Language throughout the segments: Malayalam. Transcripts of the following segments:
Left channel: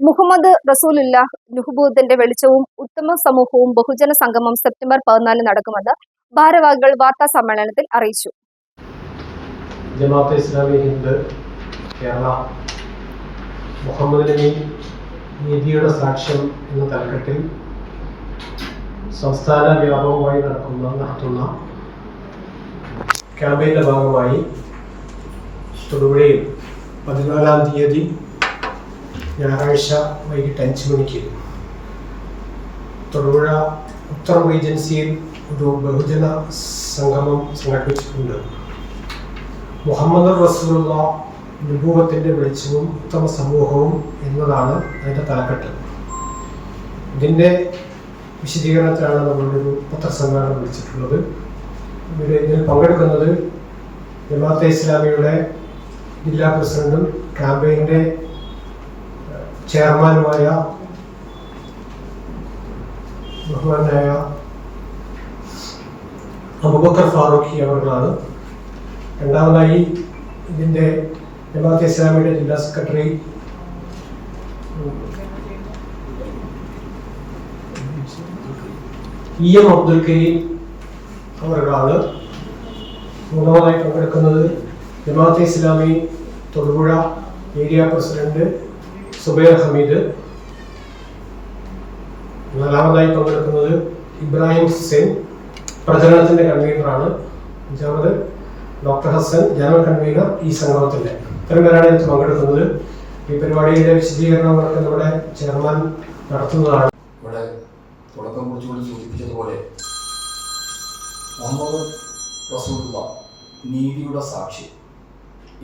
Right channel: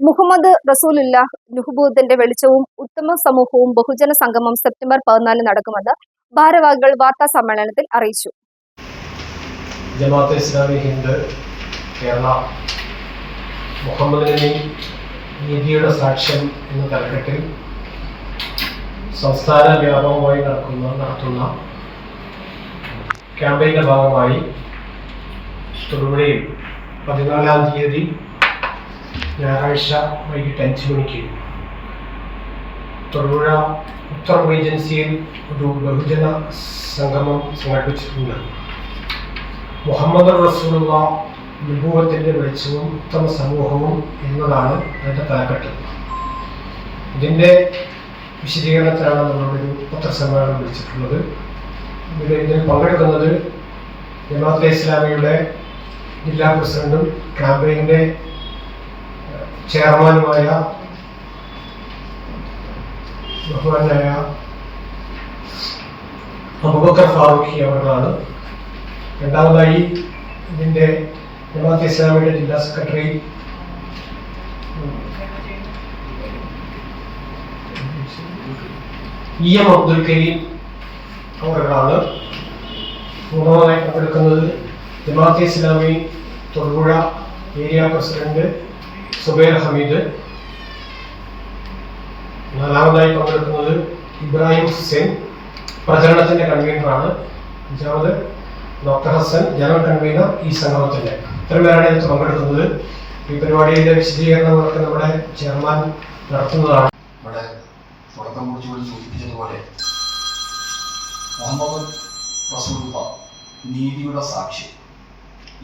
മുഹമ്മദ് റസൂലുല്ലാഹ് നുഹബൂദിന്റെ വെളിച്ചവും ഉത്തമ സമൂഹവും ബഹുജന സംഗമം സെപ്റ്റംബർ പതിനാലിന് നടക്കുമെന്ന് ഭാരവാഹികൾ വാർത്താ സമ്മേളനത്തിൽ അറിയിച്ചു. ഇസ്ലാമി ഹിന്ദ് കേരള മുഹമ്മദ് നബി നീതിയുടെ സാക്ഷ്യം എന്ന തലക്കെട്ടിൽ സംസ്ഥാന വ്യാപകമായി നടക്കുന്ന നടത്തുന്ന ക്യാമ്പയിന്റെ ഭാഗമായി തൊടുപുഴയിൽ പതിനാലാം തീയതി ഞായറാഴ്ച വൈകിട്ട് അഞ്ച് മണിക്ക്. തൊടുപുഴ ഉത്തർ റീജൻസിയിൽ ഒരു ബഹുജന സംഗമം സംഘടിപ്പിച്ചിട്ടുണ്ട്. മുഹമ്മദ് റസൂലുള്ള വിഭവത്തിന്റെ വെളിച്ചവും ഉത്തമ സമൂഹവും എന്നതാണ് അതിന്റെ തലക്കെട്ട്. ഇതിന്റെ വിശദീകരണത്തിലാണ് നമ്മളൊരു പത്രസമ്മേളനം വിളിച്ചിട്ടുള്ളത്. ഇതിൽ പങ്കെടുക്കുന്നത് ജമാഅത്തെ ഇസ്ലാമിയുടെ ജില്ലാ പ്രസിഡന്റും ക്യാമ്പയിന്റെ ചെയർമാനുമായ ബഹുമാനായ അബുബക്കർ ഫാറൂഖി അവർകളാണ് രണ്ടാമതായി ഇതിന്റെ ജമാഅത്ത് ഇസ്ലാമിയുടെ ജില്ലാ secretary E M Abdul Kareem അവരുടെ മൂന്നാമതായി പങ്കെടുക്കുന്നത് ജമാഅത്തെ ഇസ്ലാമി തൊടുപുഴ ഏരിയ പ്രസിഡന്റ് സുബൈർ ഹമീദ്. നാലാമതായി പങ്കെടുക്കുന്നത് ഇബ്രാഹിം ഹുസൈൻ പ്രചരണത്തിന്റെ കൺവീനറാണ് അഞ്ചാമത് ഡോക്ടർ ഹസൻ ജനറൽ കൺവീനർ ഈ സംഗമത്തിന്റെ. ഇത്രയും പേരാണ് ഇതിൽ പങ്കെടുക്കുന്നത്. ഈ പരിപാടിയുടെ വിശദീകരണങ്ങളൊക്കെ നമ്മുടെ ചെയർമാൻ നടത്തുന്നതാണ്. ഇവിടെ തുടക്കം കുറിച്ചുകൂടി സൂചിപ്പിച്ചതുപോലെ മുഹമ്മദ് റസൂൽ നീതിയുടെ സാക്ഷി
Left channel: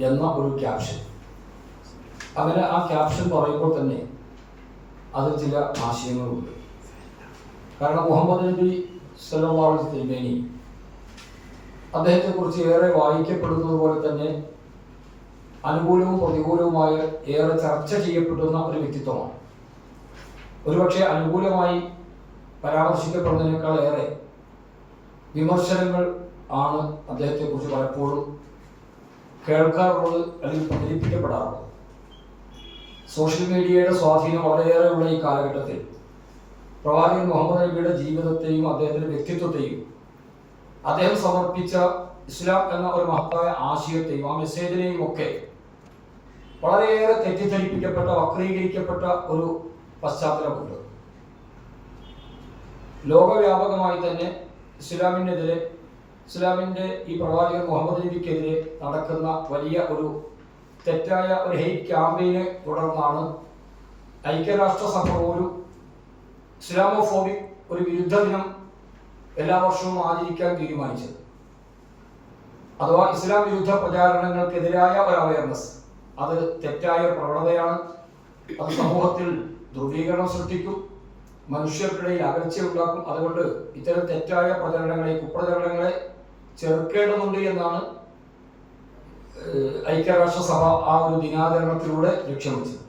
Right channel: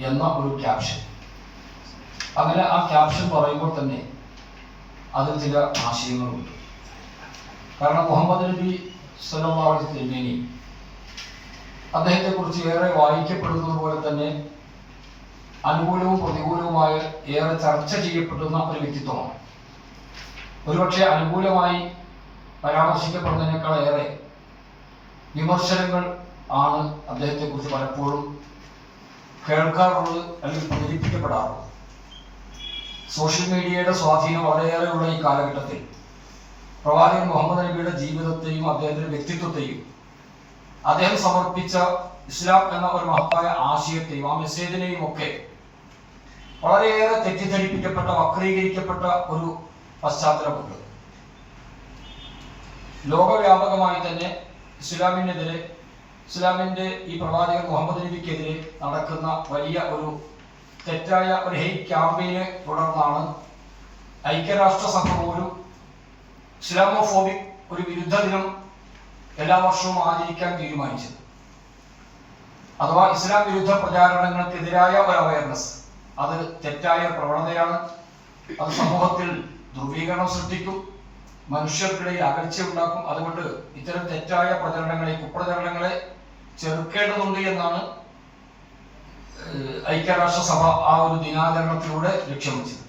എന്ന ഒരു ക്യാപ്ഷൻ അങ്ങനെ ആ ക്യാപ്ഷൻ പറയുമ്പോൾ തന്നെ അതിൽ ചില ആശയങ്ങളുണ്ട്. കാരണം മുഹമ്മദ് നബി സല്ലാഹു തിരുമേനി അദ്ദേഹത്തെക്കുറിച്ച് ഏറെ വായിക്കപ്പെടുന്നത് പോലെ തന്നെ അനുകൂലവും പ്രതികൂലവുമായ ഏറെ ചർച്ച ചെയ്യപ്പെടുന്ന ഒരു വ്യക്തിത്വമാണ്. ഒരുപക്ഷെ അനുകൂലമായി പരാമർശിക്കപ്പെടുന്നതിനേക്കാൾ ഏറെ വിമർശനങ്ങൾ ആണ് അദ്ദേഹത്തെക്കുറിച്ച് പലപ്പോഴും കേൾക്കാറുള്ളത് അല്ലെങ്കിൽ പ്രചരിപ്പിക്കപ്പെടാറുള്ളത്. സോഷ്യൽ മീഡിയയുടെ സ്വാധീനം വളരെയേറെയുള്ള ഈ കാലഘട്ടത്തിൽ. പ്രവാചകൻ മുഹമ്മദ് നബിയുടെ ജീവിതത്തെയും അദ്ദേഹത്തിന്റെ വ്യക്തിത്വത്തെയും അദ്ദേഹം സമർപ്പിച്ച ഇസ്ലാം എന്ന ഒരു മഹത്തായ ആശയത്തെയും ആ മെസ്സേജിനെയും ഒക്കെ വളരെയേറെ തെറ്റിദ്ധരിപ്പിക്കപ്പെട്ട വക്രീകരിക്കപ്പെട്ട ഒരു പശ്ചാത്തലമുണ്ട്. ലോകവ്യാപകമായി തന്നെ ഇസ്ലാമിനെതിരെ ഇസ്ലാമിന്റെ ഈ പ്രവാചകൻ മുഹമ്മദ് നബിക്കെതിരെ നടക്കുന്ന വലിയ ഒരു തെറ്റായ ഒരു ഹെയ്റ്റ് ക്യാമ്പയിനെ തുടർന്നാണ് ഐക്യരാഷ്ട്രസഭ ഒരു ഇസ്ലാമോഫോബിക് ഒരു വിരുദ്ധ ദിനം എല്ലാ വർഷവും ആചരിക്കാൻ തീരുമാനിച്ചത്. അഥവാ ഇസ്ലാം വിരുദ്ധ പ്രചാരണങ്ങൾക്കെതിരായ ഒരു അവയർനെസ് അത് തെറ്റായ പ്രവണതയാണ്. അത് സമൂഹത്തിൽ ധ്രുവീകരണം സൃഷ്ടിക്കും. മനുഷ്യർക്കിടയിൽ അകൽച്ച ഉണ്ടാക്കും. അതുകൊണ്ട് ഇത്തരം തെറ്റായ പ്രചരണങ്ങളെ കുപ്രചരണങ്ങളെ ചെറുക്കേണ്ടതുണ്ട് എന്നാണ് ഐക്യരാഷ്ട്രസഭ ആ ഒരു ദിനാചരണത്തിലൂടെ ലക്ഷ്യം വെച്ചത്.